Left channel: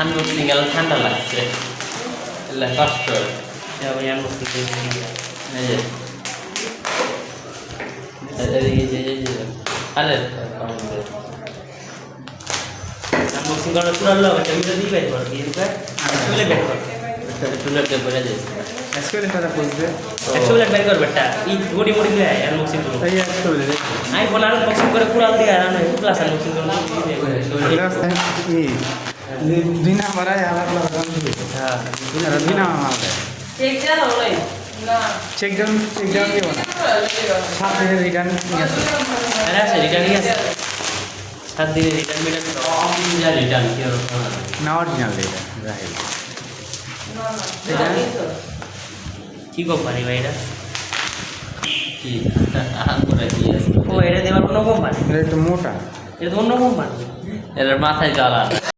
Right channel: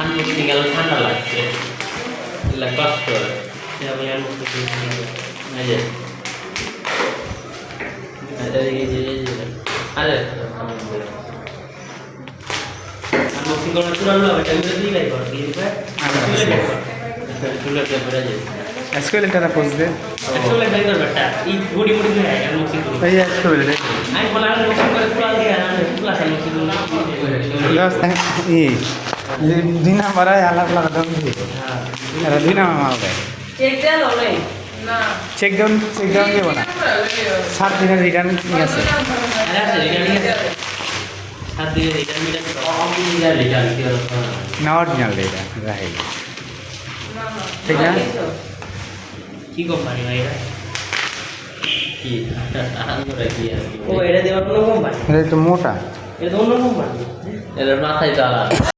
unboxing এর ঠান্ডা লাগছে কষ্ট আমি আরে আনবক্সিং করার শোনালো আমি দিলাই করে দিয়েছে চুলে করে দিয়েছে আজকে এটা পোজ দে চুলে ড্রাইভার বেটা এই বডি বডি দে আনবক্সিং করে এই একটু বলে আই বলা আনবক্সিং করে পুরো দিয়ে আমি ক্লাস আনবক্সিং করে দুই নাম্বার আলাদা আলাদা দাম দিয়ে আর দুই নাম্বার মাল দেয় চেক ডাউন দেবো না 7 দিনের রিটার্ন ঠিক আছে না অরিজিনাল এটা রাহি কি কোম্পানি ভাই এটা কি ও এটা দেওয়ার কোনো কোম্পানি এটা একটু মোটা এটা অন্য কোম্পানি এর মাথায় জ্বালা